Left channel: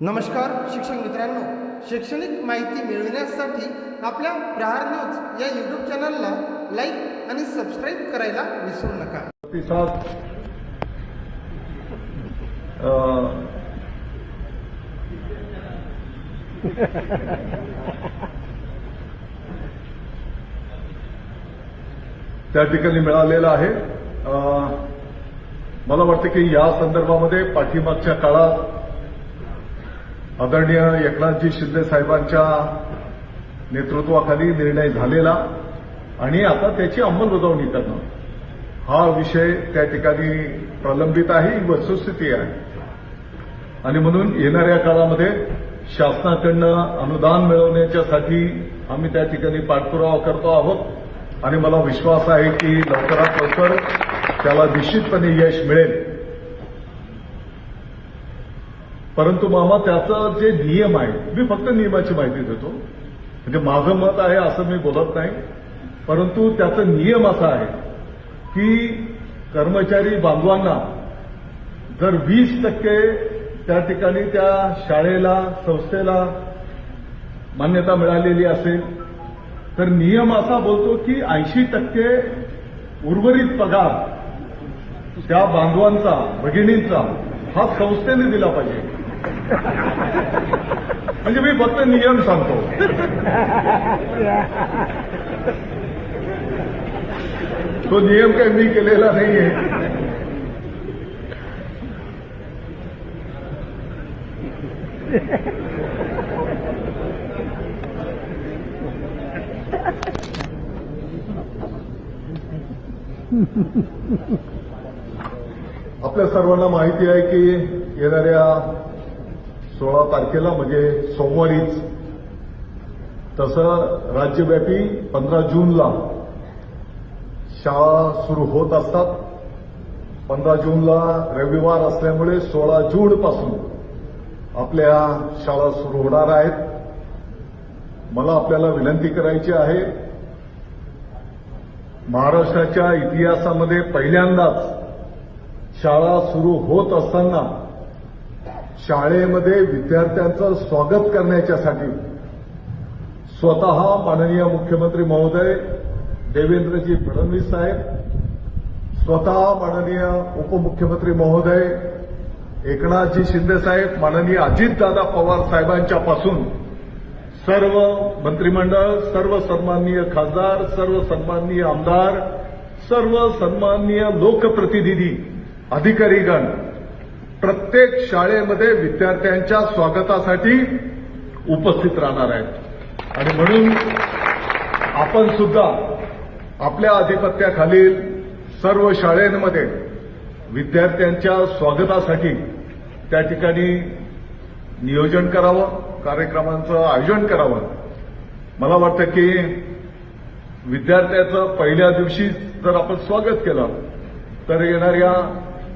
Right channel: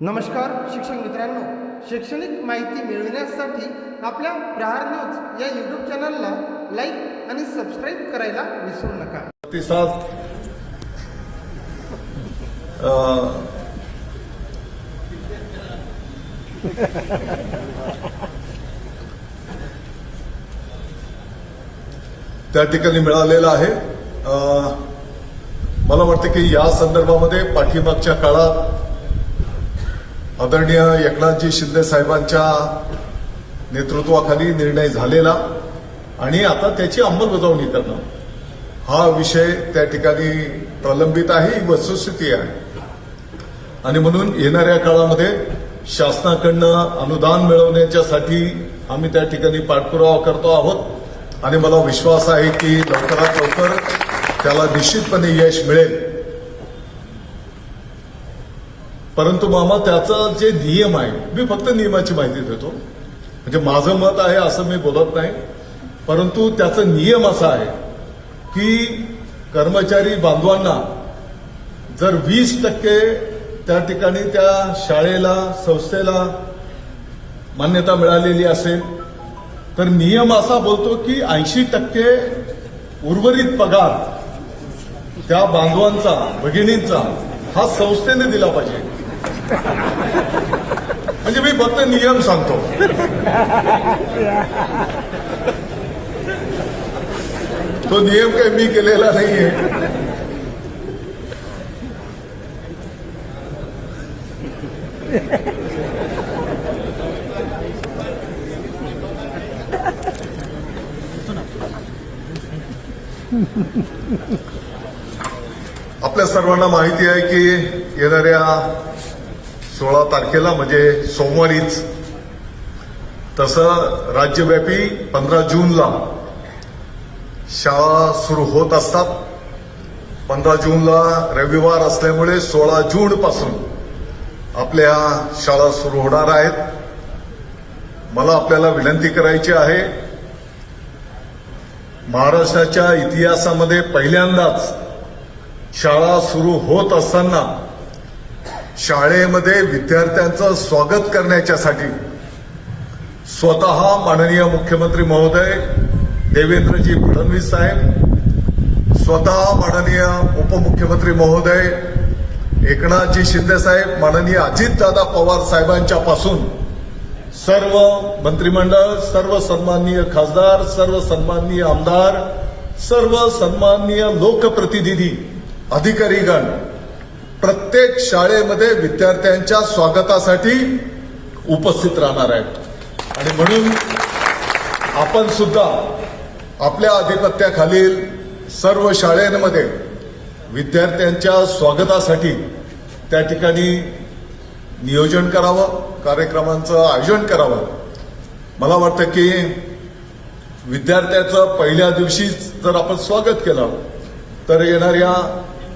नमस्कार शिक्षक मित्रांनो. शैक्षणिक माहिती मिळविण्यासाठी आपल्या प्रहार न्यूज या यूट्यूब चॅनलला लाईक आणि सबस्क्राईब करायला विसरू नका. प्रतिसाद त्या ठिकाणी मिळालेला आहे. मला वाटतं की या संदर्भामध्ये पाठीमागच्या काळात आदरणीय एकनाथजी शिंदे साहेबांच्या नेतृत्वाखाली निर्णय झालेला आणि आता त्याची अंमलबजावणी करणं हा विषय त्या ठिकाणी प्रलंबित आहे ही वस्तुस्थिती आहे. आणि म्हणून येणाऱ्या काळामध्ये शासनाकडनं अनुदान मिळवण्याच्यासाठी आम्ही त्या ठिकाणी पाठपुरावा करतो आहोत. आणि मला विश्वास आहे की लवकरात लवकर त्याला निश्चितपणे यश मिळेल. परंतु मामा त्याचा जे नियम आहे मी फक्त नियमाची माहिती देतो. म्हणजे माझं मत आहे असं मी बोलत नाही. परंतु त्याचा नियम असा आहे की कर्मचारी बांधवांना जर वीस टक्के त्या ठिकाणी त्या शाळेला संस्थेला मान्यता मिळालेली असेल तर नियम असा बोलतो की ऐंशी टक्के उर्वरित पगार त्या बांधवांचा भगिनींचा हा संस्थेने दिला पाहिजे म्हणजे मी फक्त नियम सांगतो। तो नियम काही मी केलेला नाहीये। आपल्या सर्वांना माहिती आहे की येणाऱ्या सोळा तारखेला म्हणजे सोमवारीच तसं राज्यव्यापी पंधरा जूनला शाळा सुरू होत असतात. पंधरा जूनला रविवार असल्यामुळे सोळा जून पासून आपल्या शाळा सुरू होणार आहेत. मला आपल्याला विनंती करायची आहे महाराष्ट्राच्या इतिहासामध्ये पहिल्यांदाच शाळा सुरू होत असताना शाळेमध्ये विद्यार्थ्यांचं स्वागत करण्याच्यासाठी स्वतः माननीय मुख्यमंत्री महोदय देवेंद्रजी फडणवीस साहेब स्वतः माननीय उपमुख्यमंत्री महोदय एकनाथजी शिंदे साहेब माननीय अजितदादा पवार साहेबांच्या पासून सर्व मंत्रिमंडळ सर्व सन्माननीय खासदार सर्व सन्माननीय आमदार सर्व सन्माननीय लोकप्रतिनिधी अधिकारीगण प्रत्येक शाळेमध्ये विद्यार्थ्यांच्या स्वागतासाठी उपस्थित राहणार आहेत. आणि म्हणून आपण सुद्धा आपल्या आधिपत्याखालील सर्व शाळेमध्ये विद्यार्थ्यांच्या स्वागतासाठी त्या ठिकाणी नियोजन करावं कार्यक्रमांचं आयोजन करावं. मला वाटतं की विद्यार्थ्याचं पहिल्या दिवशी जर आपण स्वागत केलं तर येणाऱ्या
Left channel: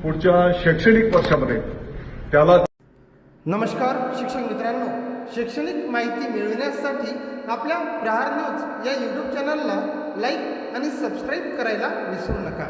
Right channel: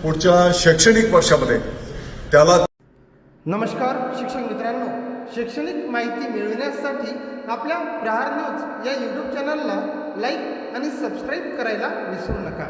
पुढच्या शैक्षणिक वर्षामध्ये त्याला नमस्कार शिक्षक मित्रांनो. शैक्षणिक माहिती मिळविण्यासाठी आपल्या प्रहार न्यूज या यूट्यूब चॅनलला लाईक आणि सबस्क्राईब करायला विसरू नका.